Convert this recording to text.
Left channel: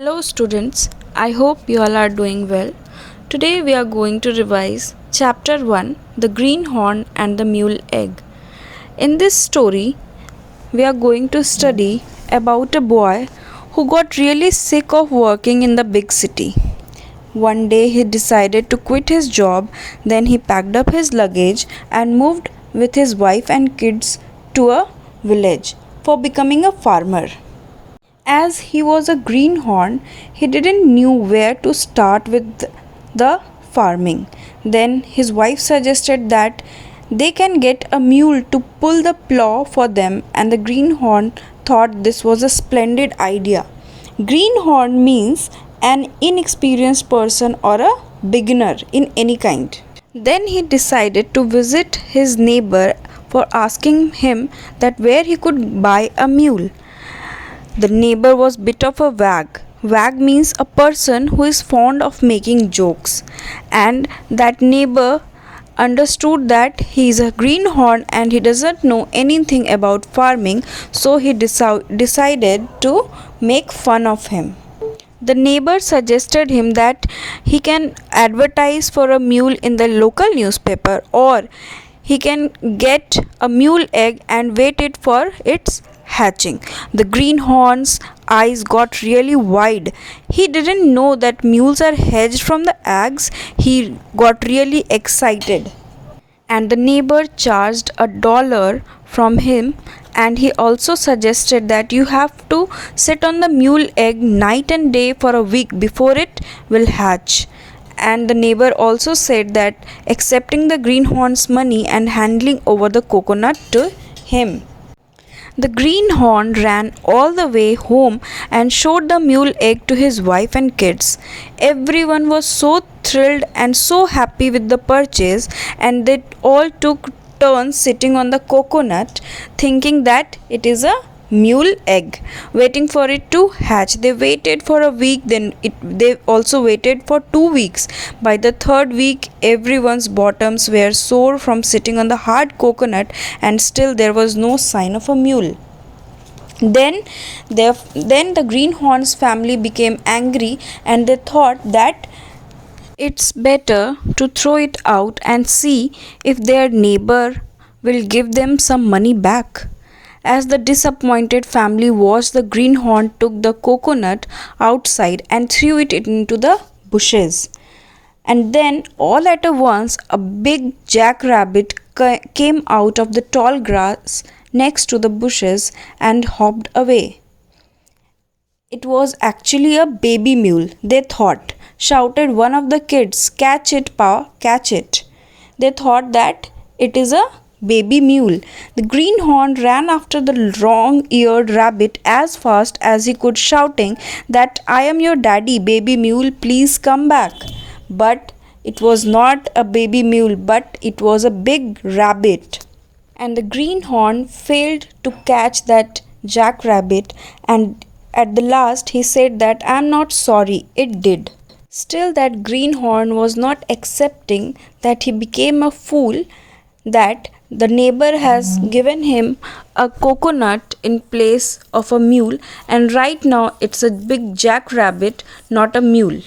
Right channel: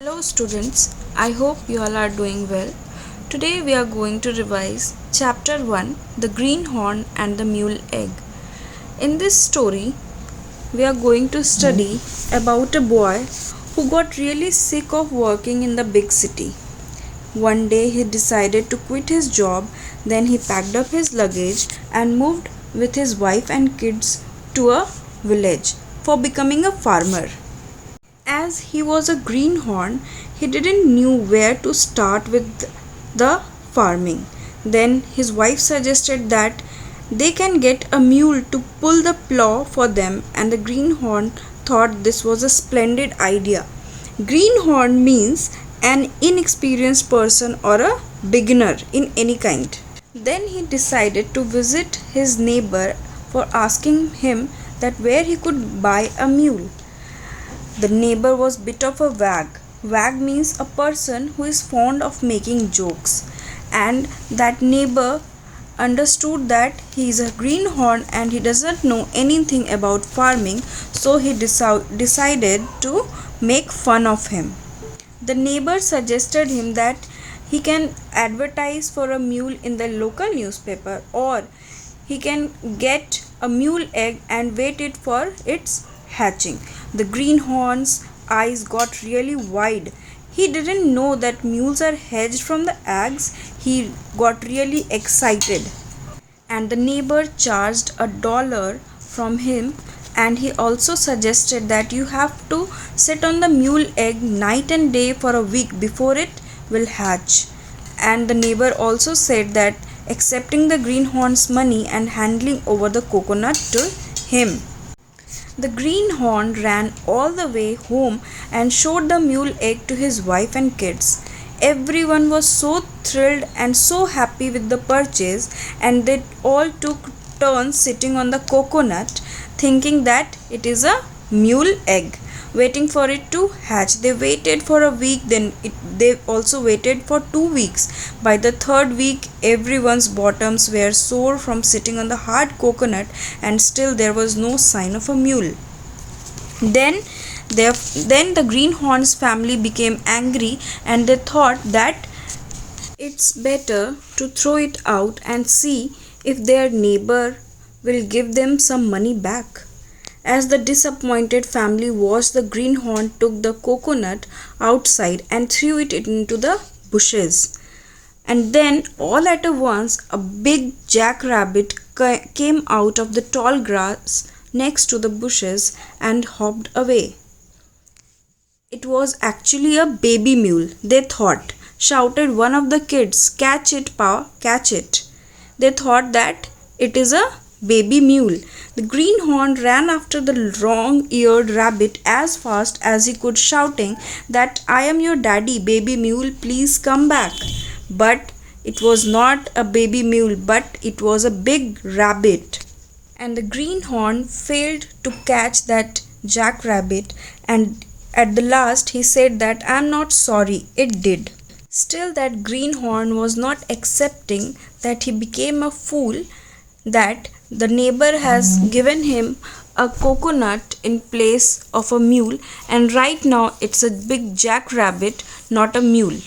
Hello students, I hope you all are doing well. Today we are going to revise chapter 1, The Greenhorn and the Mule Egg. In this story, we are going to study about a boy who got really sick of working in the big city. One day he decided to quit his job, then he packed up his luggage and moved with his wife and kids to a village for becoming a farmer. As he was a greenhorn, he didn't knew where to start with the farming. Then his wife suggested that they can get a mule to pull the plow for them, and the greenhorn thought this was a splendid idea. Greenhorn means an inexperienced person or a beginner in any kind. Then he decided to visit his neighbor for asking him that where he could buy a mule. The neighbor was bit of a wag. Wag means a person who is fond of making jokes. And that neighbor understood that he is a greenhorn and he doesn't know anything about farming, so he decided to make fun of him. The neighbor suggested him that he can advertise for a mule in the local newspaper, or he can get a mule egg and wait it for its hatching. The greenhorn's eyes got really wide. He didn't know that mules are hatched from the eggs. He got really excited. And the neighbor charged $1 from him, and he also suggested that you have to sit on the mule egg night and day for a week before it will hatch. And the neighbor also said that accepting the greenhorn's money and handing over the coconut to him. The greenhorn ran all the way home and showed the mule egg to his wife and kids. Everyone was so thrilled and so happy with the purchase, and they all took turns sitting on the coconut, thinking that it is a mule egg, waiting for it to hatch. They waited for a week, they also waited for 2 weeks. By the third week, everyone's bottoms were sore from sitting on the hard coconut, and still there was no sign of a mule. Then the greenhorn's family became angry, and they thought that it's better to throw it out and see if their neighbor will give them some money back. As the disappointed family watched, the greenhorn took the coconut outside and threw it into the bushes. And then, all at once, a big jackrabbit came out of the tall grass next to the bushes and hopped away. It was actually a baby mule, they thought. Shouted one of the kids, "Catch it, Pa, catch it." They thought that it is a baby mule. The greenhorn ran after the long-eared rabbit as fast as he could, shouting that, "I am your daddy, baby mule, please come back." But it was not a baby mule, but it was a big rabbit. And the greenhorn failed to catch that jackrabbit, and at the last he said that, "I'm not sorry, it did." Still, that greenhorn was not accepting that he became a fool, that the neighbor has given him a coconut in place of a mule, and right now it's a big jackrabbit, not a mule.